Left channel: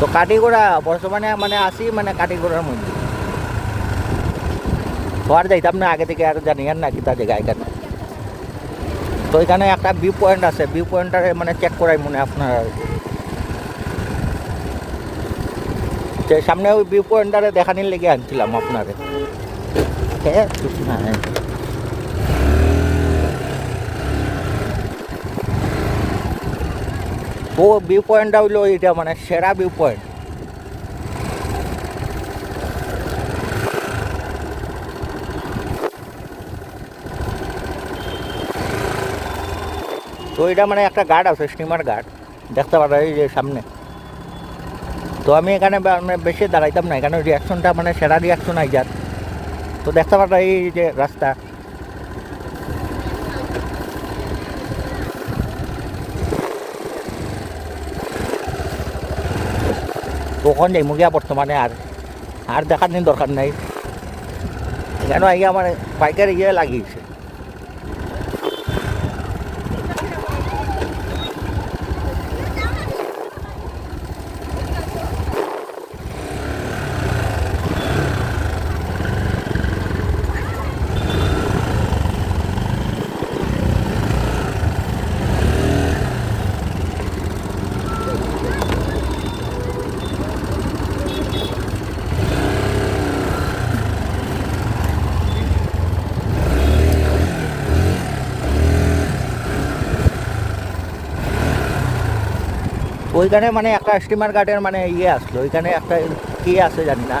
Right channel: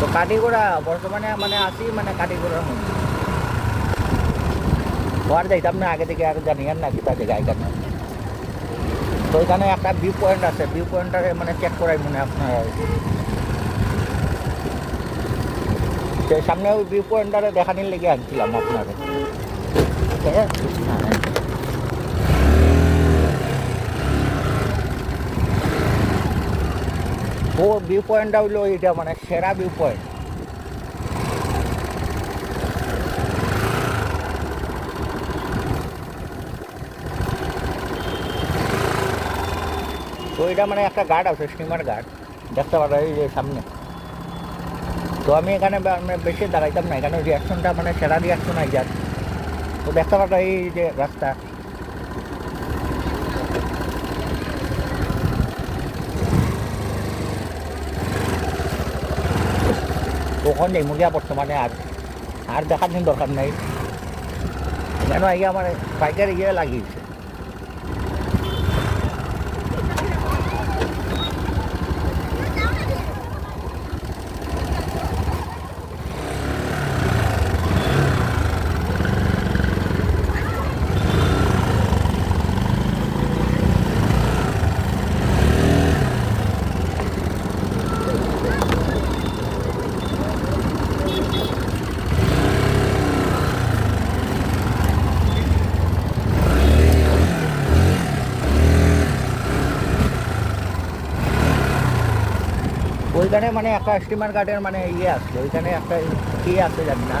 তো কাটিগোড়া বর্তমানে মানে আসি মানে কাটিগোড়ার মধ্যে তো আর যাইতাম না আগে থেকে আর জানিয়ান না কি তা জায়গা এখানে তো এখানে একটা ভিউ পয়েন্ট আছে ভিউ পয়েন্টটারে মানে চেক করাই মনে আপনার যে সামনে ওই ভিউ পয়েন্টটারে দেখানির লেগে আনছিলাম আপনারে হ্যাঁ তো ভিউ পয়েন্টটা হইলো এটা মানে সেরা ভিউ পয়েন্ট তো এটা মানে একটা গার্ড আছে স্টিমার গার্ড দেখতে পারা এই যে সামনে তো আমি এখানে বেশি দাঁড়াইতাম না এখানে রিয়াকশনটা মানে সেরা রিয়াকশন আই যার তো দেখতে পারা এই যে রাস্তা তখন যাই মুগিয়া বর্তমানে আর দেখার দিন দরকার নাই কেন আগে আমার বাইকের ইয়ে লাগিয়েছে ওইখানে মানে একটা স্টিমার গার্ডের মানে ইয়ে আসলো ওইখানে একটা কি আছে জানি না